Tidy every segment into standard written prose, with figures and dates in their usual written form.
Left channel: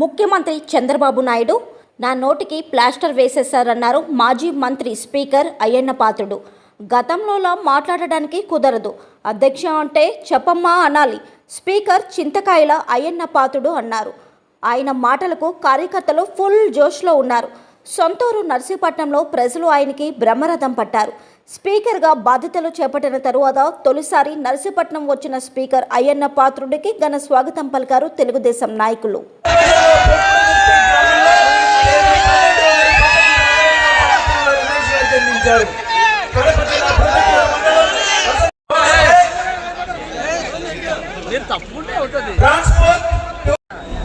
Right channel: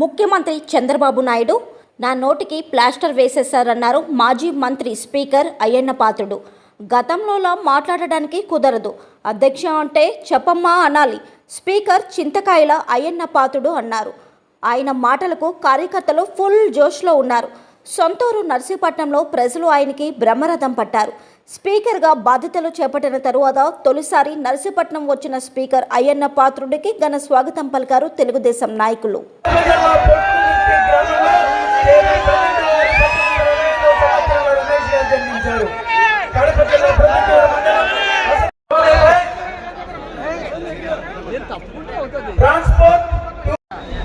ముఖ్యమంత్రి చంద్రబాబు నాయుడు నా నోటికి ప్లాస్టర్ వేసేశారన్నారు మాజీ మంత్రి స్పీకర్ అయ్యన్న పాత్రుడు. గతంలోలా మాట్లాడడానికి కుదరదు, అధ్యక్ష అంటే చెప్పమ్మా అనాలి స్పీకర్ చింతకాయల అయ్యన్న పాత్రుడు అన్నారు. ఆయన మాటలకు కార్యకర్తలు ఫుల్ జోష్లో ఉన్నారు. సొంతూరు నర్సీపట్నంలో ప్రజలు ఆయనకి బ్రహ్మరథం పట్టారు. స్పీకర్గా బాధ్యతలు చేపట్టిన తరువాత తొలిసారి నర్సీపట్నం వచ్చిన స్పీకర్ అయ్యన్న పాత్రుడికి ఘన స్వాగతం పలికారు తెలుగుదేశం నాయకులు.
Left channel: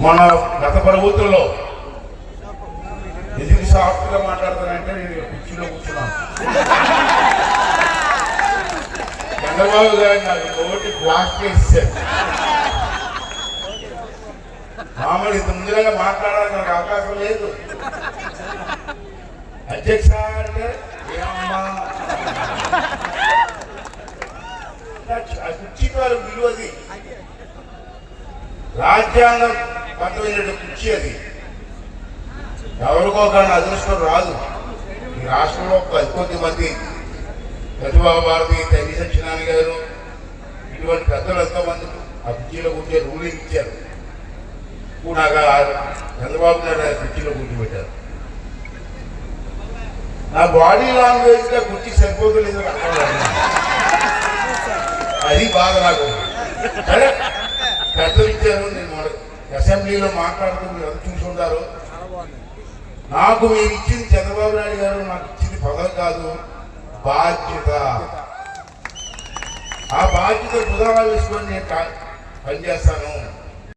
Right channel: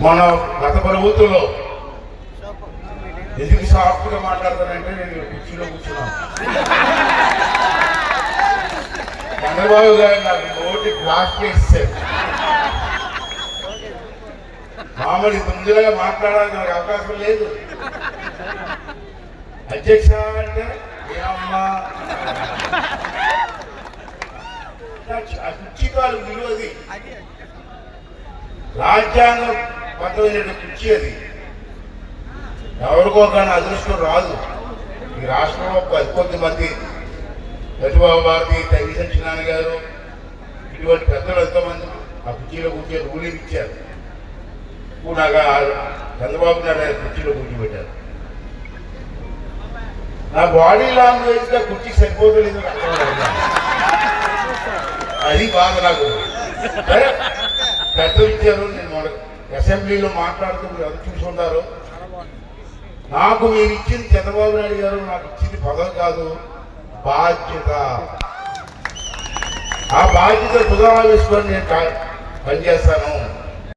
మన గత ప్రభుత్వంలో ఎందుకు సాఫ్ట్గా మాట్లాడతానంటే నేను కుర్చీలో కూర్చున్నాను. చంద్రబాబు గారు నాకు నోటి క్లాస్ చేశారు. మామూలు ఇంత ముందుగా మాట్లాడడానికి నాకు అవకాశం లేదు. అధ్యక్ష అంటే ఏమమ్మా కుర్చీకాలు విలువది, రాజ్యాంగం పట్టమైన కుర్చీ అది. ఎవరికో కానీ అదృష్టం రాదు. ఈ రాష్ట్రంలో కొద్ది మంది ప్రతిభా భారతి, తల్లి సత్యనారాయణ గారు ఇటువంటి పెద్దలు ఎంతోమంది ఆ కుర్చీలో కూర్చొని రూలింగ్ ఇచ్చారు. నాకు చంద్రబాబు నాయుడు కుర్చీలో కూర్చోబెట్టారు. నా బాడీ లాంగ్వేజ్ గా కుర్చీ సరిపోతలేదు, అది బాధ నాకు. సరే పెద్దలు ఇచ్చారు, నేను అసెంబ్లీలో మాట్లాడుతున్నారు, అది చూసుకుంటారు. నాకు మీరు ఇచ్చింది చంద్రబాబు నాయుడు గారు నాకు ఇచ్చింది పదవి కాదు, బాధ్యత. ఆ బాధ్యత కుదరా వేసుకొని నేను పనిచేస్తాను.